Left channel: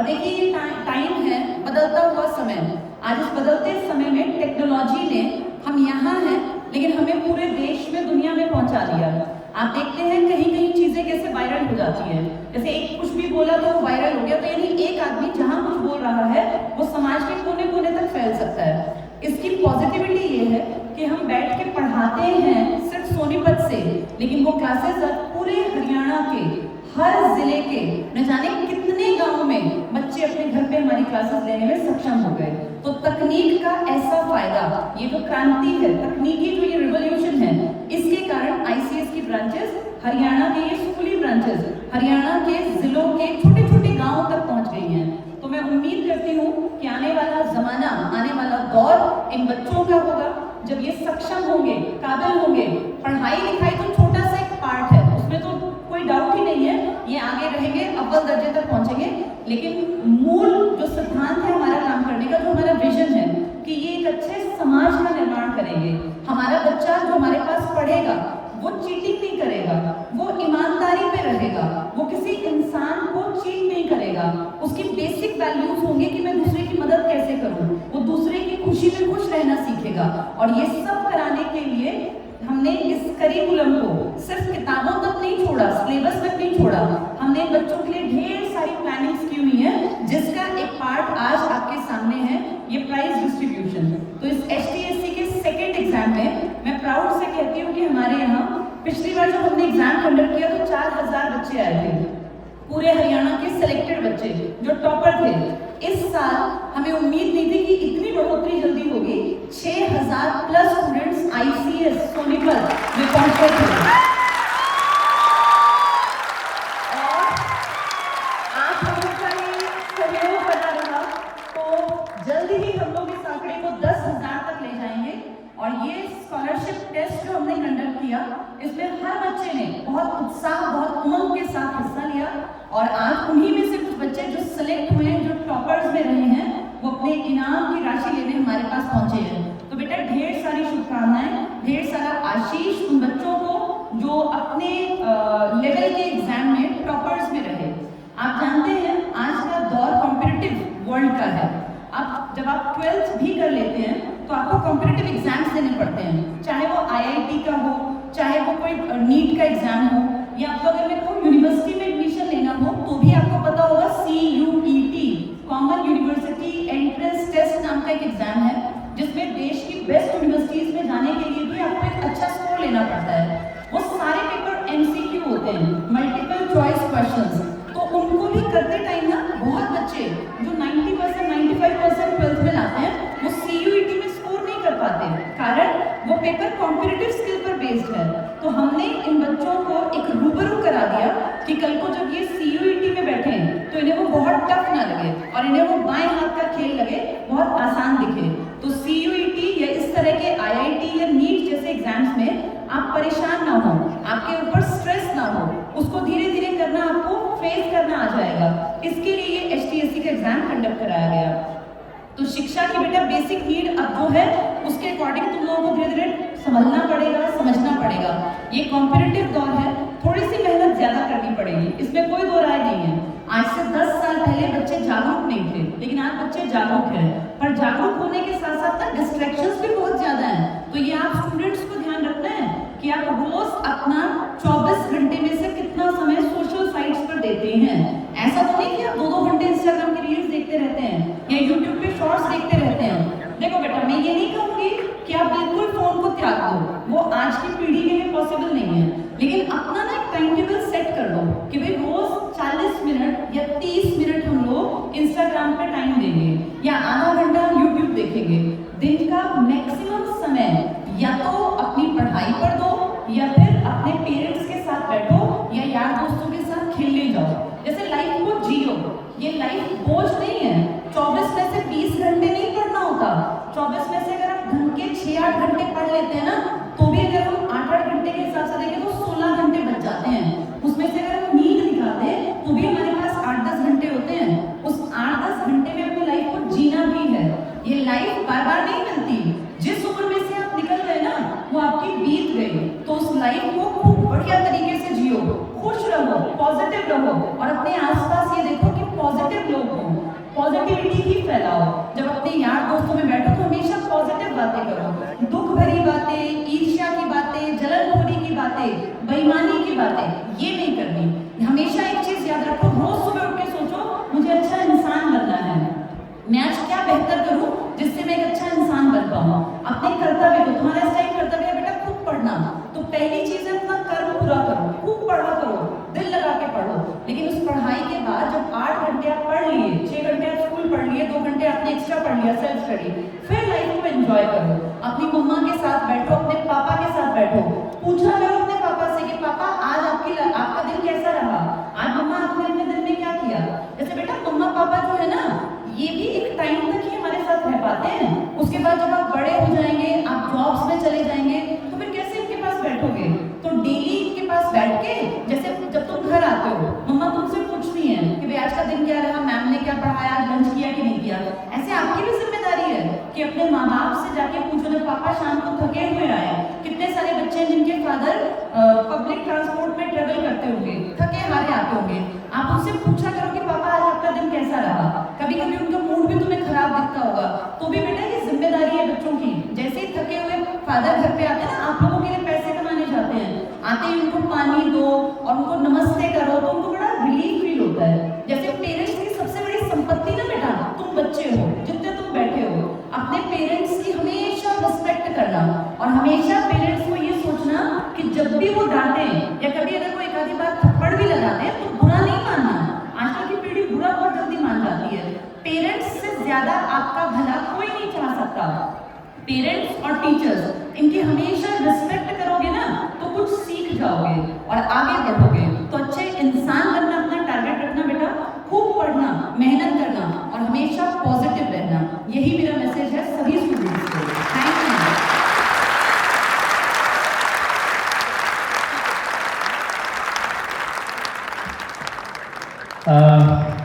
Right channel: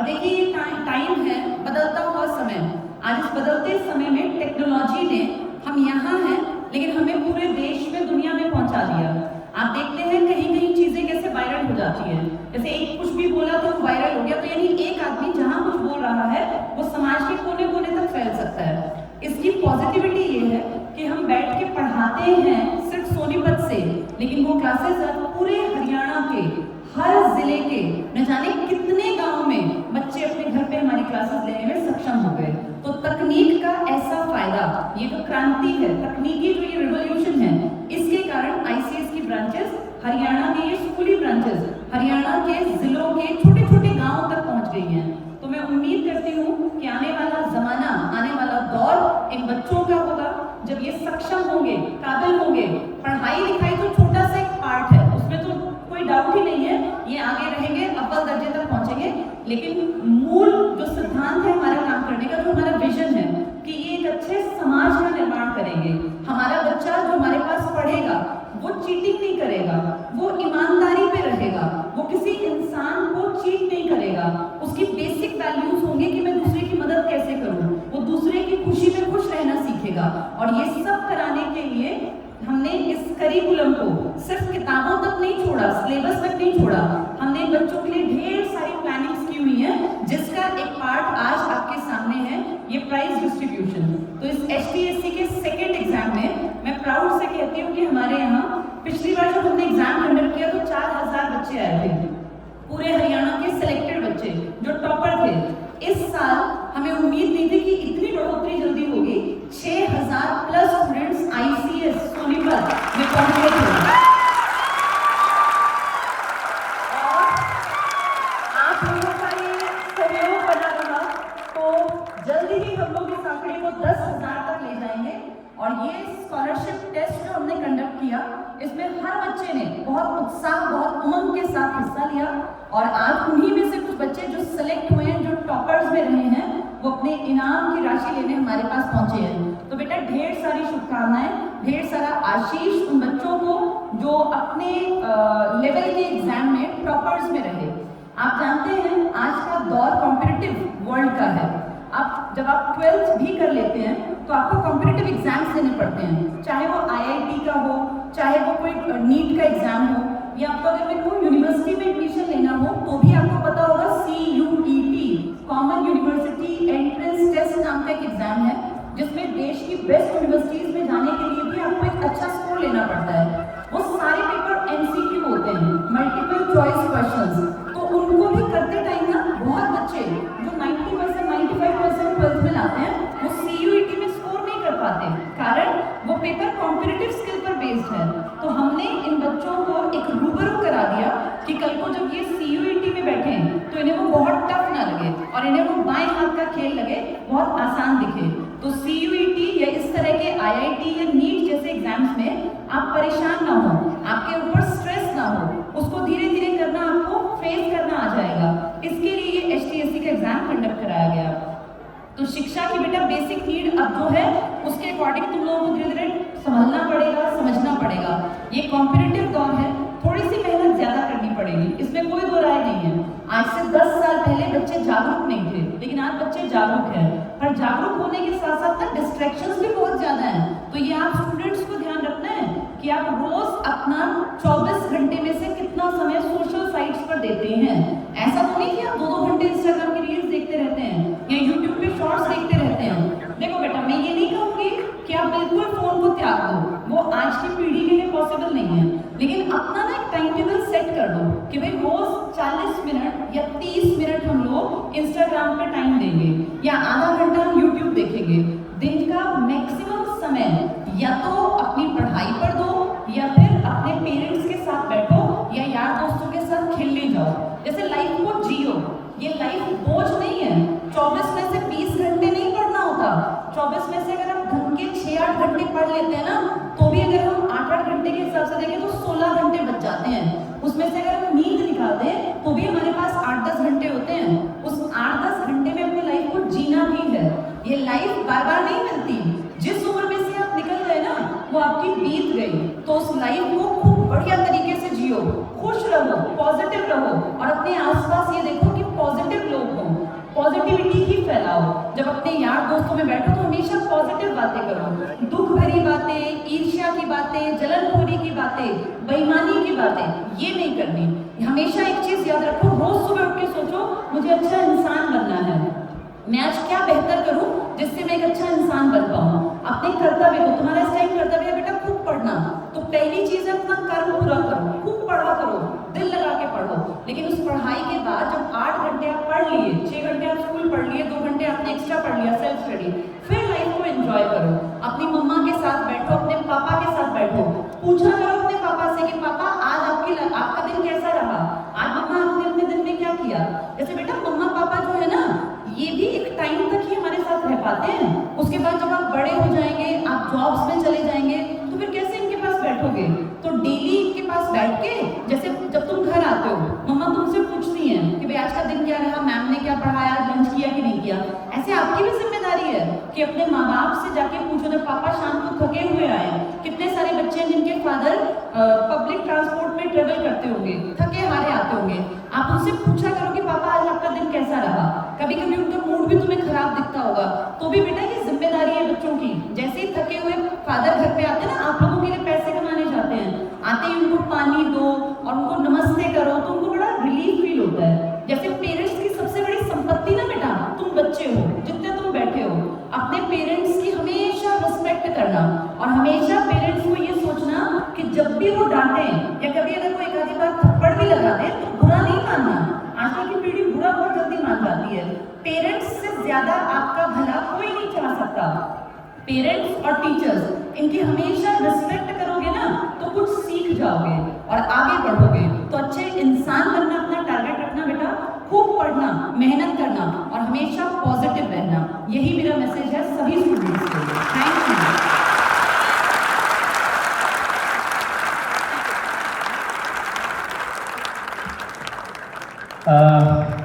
और देखिए ये टाइम है बदलता हुआ समय। आज इस बदलते समय में टेक्नोलॉजी ने, हम यहाँ हैं लेकिन हमें पूरे देश में, दुनिया में पहुंचा दिया। आप देखते हैं कहीं कहीं चीजें कैसे वायरल हो जाती है, जैसे एक कुछ भी बोला तो वो वायरल हो गया, तो यानी एक आदमी जहां कुछ बोल रहा है वो समाज के कोने कोने तक फैल सकता है। इसकी पॉजिटिविटी ये है कि हम बैठ के पढ़ाते हैं सिर्फ सोनीपत से, लेकिन वो क्लासेस अब पूरे हरियाणा के हर जिले के न जाने कितने गांव में बच्चे अपने घर पे हमारी क्लासेस लेने में सक्षम हो गए। तो तकनीक का ऐसा फायदा, ये जो क्रांति है, तकनीकी जो ये रिवॉल्यूशन है, इसके कारण आईसीएस की ब्रांचेस, हरियाणा के ये स्कूली ब्रांचेस हरियाणा के जिलों के छोटे छोटे गांवों तक पहुंच गई हैं। तो मैं उम्मीद करती हूँ कि आने वाला जमाना, आने वाला दौर इन बच्चों का होगा जब ये सक्षम होंगे, काबिल होंगे। पढ़ाई लिखाई तो छोटा सा एक पार्ट है, उसमें तो कोई डाउट ही नहीं है, ये आगे रहेंगे, अव्वल दर्जे तक पहुंचेंगे, लेकिन मूल जो सिद्धांत है हमारा काम करने का, जो हमारा विजन है कि ये एक अच्छे समाज का निर्माण करेंगे। हमारा बच्चा जो हमारे पास पढ़ेगा वो चीटिंग नहीं करेगा, वो ईमानदारी पे रहेगा, वो किसी इंसान को चीट नहीं करेगा, उसकी बेसिक वैल्यूज होंगे कि मैं दूसरे की मदद कैसे करूं, वो दूसरे की खुशी में खुश रहना सीखेगा। और ये सब कराने के लिए हमने इस करिकुलम को सिर्फ किताबों तक नहीं छोड़ा, सिलेबस तक नहीं छोड़ा, हमने बच्चों के लिए ढेर सारी प्लानिंग्स की हुई है, जिसका एक पार्ट आज आपके सामने है, ये प्राइज डिस्ट्रीब्यूशन। तो इस HTSC के सेकेंड एग्जाम में मैं प्राउड से कहती हूँ कि हमारे यहाँ पिछली बार जब हमने एग्जाम कंडक्ट किया तो 4000 बच्चे आए थे, पूरे हरियाणा के सिलेक्टेड बच्चे जो टॉपर थे। इस साल हमें उम्मीद नहीं थी कि इतनी बढ़ोतरी जल्दी होगी, 6000 प्लस स्टूडेंट्स आईसीएस सोनीपत में पहुंचे थे। आप हम लोग का ये सहयोग बना रहा तो जल्दी ही हम लोग इस आंकड़े को 10,000 तक ले जाएंगे। और ये स्कॉलरशिप टेस्ट जो हमने कंडक्ट किया, इसमें हर बच्चे ने बहुत उत्साह, बहुत उमंग के साथ हिस्सा लिया। और आज उन्हीं में से कुछ बच्चे जो सिलेक्ट हुए हैं, जो टॉपर्स में रहे हैं, वो अपने इनाम की राशि लेने हमारे पास पहुंचे हैं। तो बेटा ढेर सारी शुभकामनाएं, ढेर सारा आशीष उन बच्चों को जो अपने लेवल के एग्जाम में टॉपर्स में रहे। आप जानते हैं आज का दौर कॉम्पिटिटिव वर्ल्ड का है। अब जब आप 12th भी कर लेते हैं तो आपको कॉम्पिटिटिव एग्जाम्स देने पड़ते हैं, चाहे वो IIT का हो, चाहे वो कोई नीट का एग्जाम हो, या आपको अगर मैं कहूँ यूनिवर्सिटी में एडमिशन लेना हो तो भी आपको पता होगा CUET, common university entrance test नाम का एक एग्जाम है, जिसमें देश की बेस्ट यूनिवर्सिटीज में जाने के लिए भी आपको एक अच्छा स्कोर लेना पड़ता है। वो सारे पेपर MCQ होते हैं, मल्टीपल चॉइस क्वेश्चंस। तो उनको भी करते टाइम ना बहुत बच्चे जो 90%, 95% 12th में लाते हैं, वो CUET में स्कोर नहीं कर पाते, कारण वो पेपर कॉम्पिटिटिव स्किल पर बेस्ड है। तो हमने इन बच्चों को एक रूबरू करा दिया कि कल को जब ये CUET में बैठे तो इन्हें वो बहुत टफ ना लगे और इन्हें वो बाएं हाथ का खेल लगे, बहुत आसान दिखे। तो CUET या इस तरह के IIT या नीट जैसे एग्जाम्स में आप परेशान ना हो, आपके ऊपर स्ट्रेस ना हो, उसको धीरे धीरे करना, आपको फेस करना आ जाएगा। इसके लिए ये HTSC का एग्जाम कंडक्ट कराया गया। तो शिक्षा की बेटा बेसिक नीड अब जो है उसके अकॉर्डिंग तुम लोगों को धीरे धीरे समझना पड़ेगा, समझना पड़ेगा। ये कॉम्पिटिटिव दौर है, थोड़ी सी मेहनत ज्यादा करनी पड़ेगी, इसमें कोई दो राय नहीं है। आज से 10 साल पहले बच्चे जागरूक नहीं थे, लेकिन आज बच्चे जागरूक हैं। पर जागरूक होने के साथ साथ ना डिस्ट्रैक्शंस भी बहुत ज्यादा हैं। तो ये आप स्टूडेंट्स को ध्यान रखना है कि आप रोज अपना 24 घंटे में से कितना समय सोशल साइट्स पर देते हैं। ऐसा तो नहीं कि आप 2-2 घंटे इंस्टाग्राम की रील्स देखते रहते हैं या यूट्यूब पे शॉर्ट्स देखते रहते हैं। देखो बेटा, मैं ये नहीं कहूँगी कि आप बिल्कुल फोन को त्याग दो, वो आज की पीढ़ी के लिए पॉसिबल नहीं है, लेकिन अपना ना एक टाइम टेबल सेट कर दो कि भाई रोज 40 मिनट या 30 मिनट हम लोग इंस्टाग्राम पे टाइम देंगे या आधा घंटा यूट्यूब देखेंगे। दिन का मैक्सिमम समय या तो अपनी पढ़ाई पर दो या फिर अपने पेरेंट्स के साथ बैठो या यार दोस्तों के साथ खेलने जाओ। जैसे लाइफ को जियो, ये लाइफ बोझ नहीं है। 24 में से 20 घंटे नहीं पढ़ना होता, 24 में से अगर आप ढंग के 6-8 घंटे पढ़ लेते हैं ना, तो भी अगर हम 8-8 घंटे के हिसाब से देखें तो 16 घंटे बच जाते हैं। उसमें से अगर हम नींद निकालते हैं तो भी हमारे पास 8-10 घंटे होते हैं। उस 8-10 घंटे में अपनी लाइफ को जीना भी है। ये लाइफ बार बार नहीं मिलती, जिस उम्र में से आप निकल गए ना वो आपकी बीत गई। तो उस लाइफ को खूब बढ़िया तरीके से जियो, खुश रहो, पॉजिटिव रहो और अपने आसपास ये देखो कि पॉजिटिव लोग हों, पॉजिटिव बातें करो, दुख भरी बातें, ईर्ष्या की बातें, जलनखोरी की बातें, बेईमानी की बातें ये नहीं करनी। हमेशा एक चीज याद रखो, रोज सुबह उठ के सोचो मुझे अच्छा इंसान बनना है, मैं आज क्या बेहतर करूं जिससे मैं एक अच्छा इंसान बन पाऊं। अपने कर्तव्य को, तुम्हारा इस टाइम कर्तव्य है बेटा खूब पढ़ना, तो पहली चीज है अपना कर्म पूरा करो, खूब पढ़ा करो, दिल लगा के पढ़ो। लेकिन उस पढ़ाई के बाद जब 8 घंटे आप पढ़ लिए, 6 घंटे आप स्कूल पढ़ लिए, 2 घंटे आपने एक्स्ट्रा पढ़ लिया सेल्फ स्टडी, फिर लाइफ को एंजॉय करो। अपनी मम्मा के साथ बैठो, अपने पापा के साथ बैठो, पूछा करो अपने पापा से कि पापा आज आपका दिन कैसा रहा, आज मम्मा आपने अपने दिन में क्या किया। जैसे बेटा मम्मा पापा जो है ना, ये भी एक टाइम तक ही हमारे साथ रह पाते हैं, उसके बाद जब आप बड़े हो जाएंगे, आप जॉब्स में चले जाएंगे, तो फिर कैसे इनके पास बैठोगे। तो डेली इनके पास बैठ के, जैसे जब तुम घर आते हो मम्मा तुमसे पूछती हैं कि भाई आज का दिन क्या रहा, मैम ने क्या पढ़ाया, आज लंच किया कि नहीं किया। ऐसे आपकी भी जिम्मेदारी है कि अपने माँ बाप से जाके पूछो। जब पापा शाम को थके हुए आए, कितने सारे बच्चे हैं जिनके फादर पब्लिक ट्रांसपोर्ट में ट्रेवल करते होंगे, थके हारे आते होंगे, आप उनसे पूछा करो कि पापा आज आपका दिन कैसा रहा। कभी कभी उनका मूड भी तुम्हें खराब दिखता होगा, तो भी बेटा ये जिम्मेदारी है बच्चों की। जैसे ही थके हुए फादर घर पे आते हैं ना, आप लोगों के लिए पैसे कमाने जाते हैं, आते ही उनको पानी दो और उनको नमस्ते करो, तो उनको बड़ा रिलीफ फील होता है। जैसे पेरेंट्स की सबसे बड़ी संपत्ति ना बेटा तुम बच्चे हो, जितने तुम बैठे हो, अपने पेरेंट्स की हमेशा रिस्पेक्ट करना और हमेशा पेरेंट्स को ये सोचना कि जब भी वो डांटे या कभी अगर कोई एक आधी बार थप्पड़ भी लगा दे तो बुरा नहीं मानना। आजकल की पीढ़ी बुरा बहुत जल्दी मान जाती है। पेरेंट्स से ज्यादा आपका भला कोई नहीं चाह सकता। पेरेंट्स और टीचर्स इनकी हमेशा रिस्पेक्ट करोगे ना तो कुछ सीख जाओगे और आगे बढ़ोगे। तो अच्छे इंसान बनना अपना टारगेट रखना बेटा, खूब पढ़ना, मेहनत करना और हमेशा पॉजिटिव रहना। यही मेरा मैसेज है सभी स्टूडेंट्स को। Thank you.